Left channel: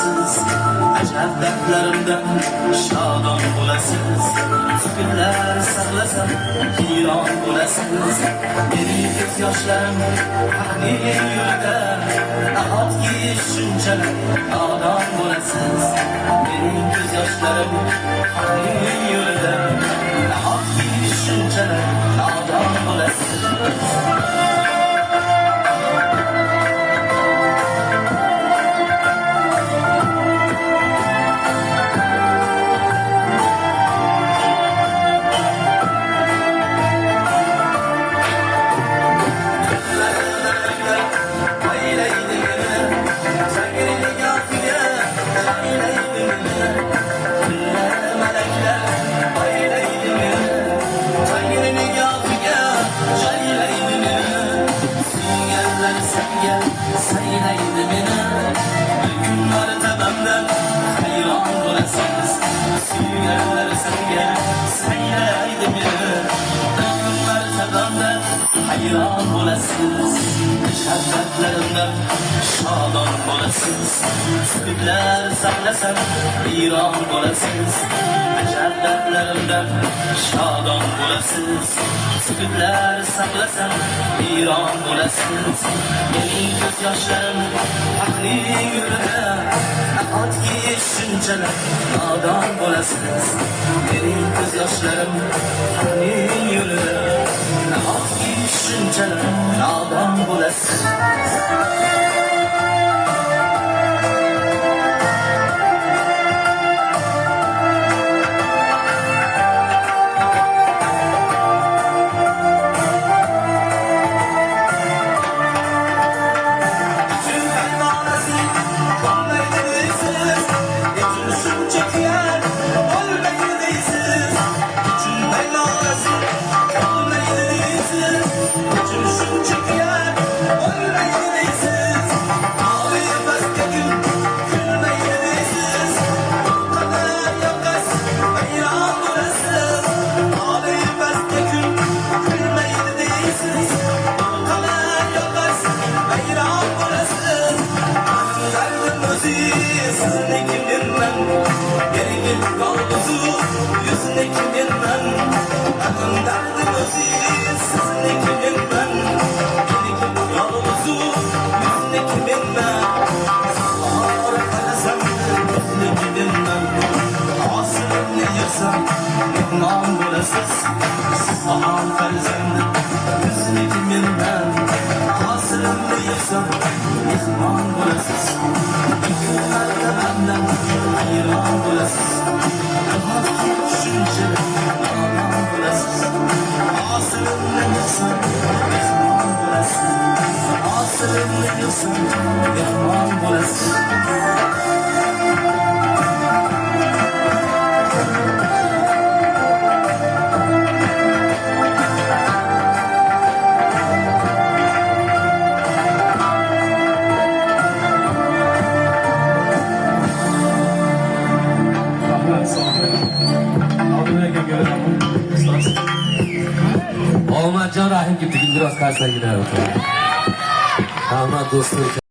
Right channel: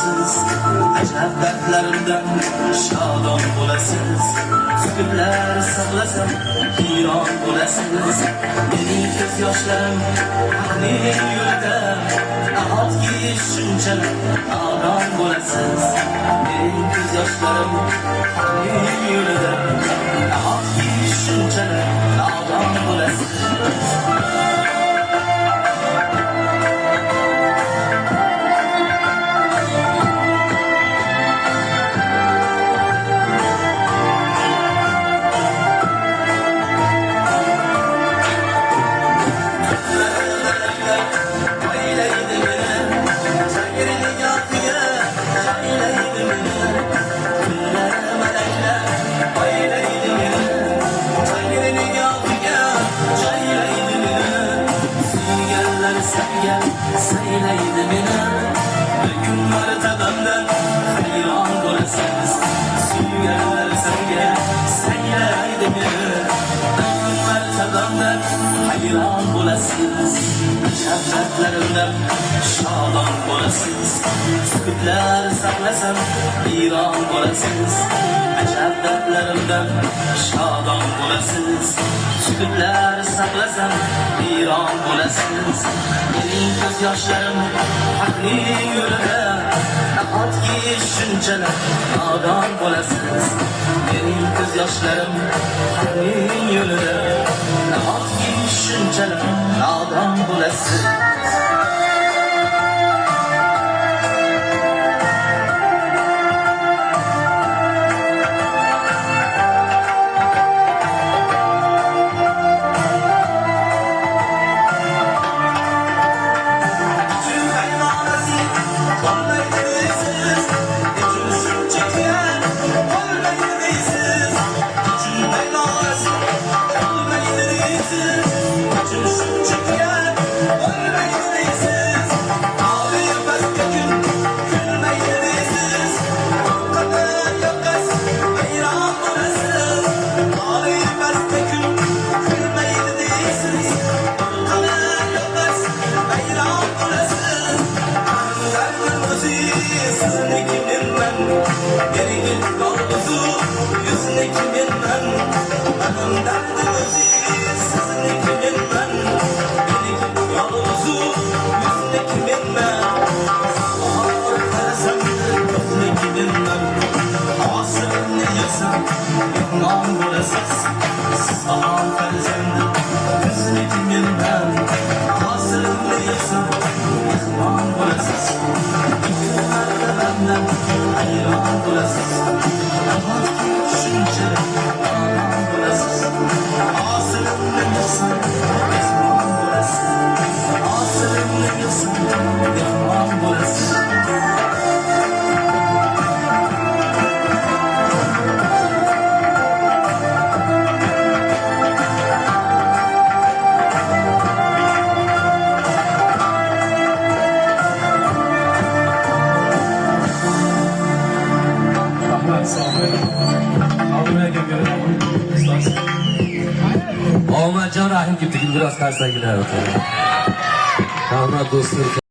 bo'lasiz, ajab dardlarimdan shodon bo'lasiz. Sukutlar saqlasa hiyron bo'lasiz. Mening ko'z yoshlarim haqning yo'lida, nahotki shunchalik nodon bo'lasiz. Mening ko'z yoshlarim haqning yo'lida, nahotki shunchalik nodon bo'lasiz. Hayron bo'lasiz, şadratlarimdan shodon bo'lasiz. Sukutlar saqlasam hiyron bo'lasiz. Şadratlarimdan shodon bo'lasiz. Sukutlar saqlasam hiyron bo'lasiz. Mening ko'z yoshlarim haqning yo'lida, nahotki shunchalar nodon bo'lasiz. Mening ko'z yoshlarim haqning yo'lida, nahotki shunchalar nodon bo'lasiz. Muhammadjon Rahim gibi biraz kaysar gider. Hormat do'stlar.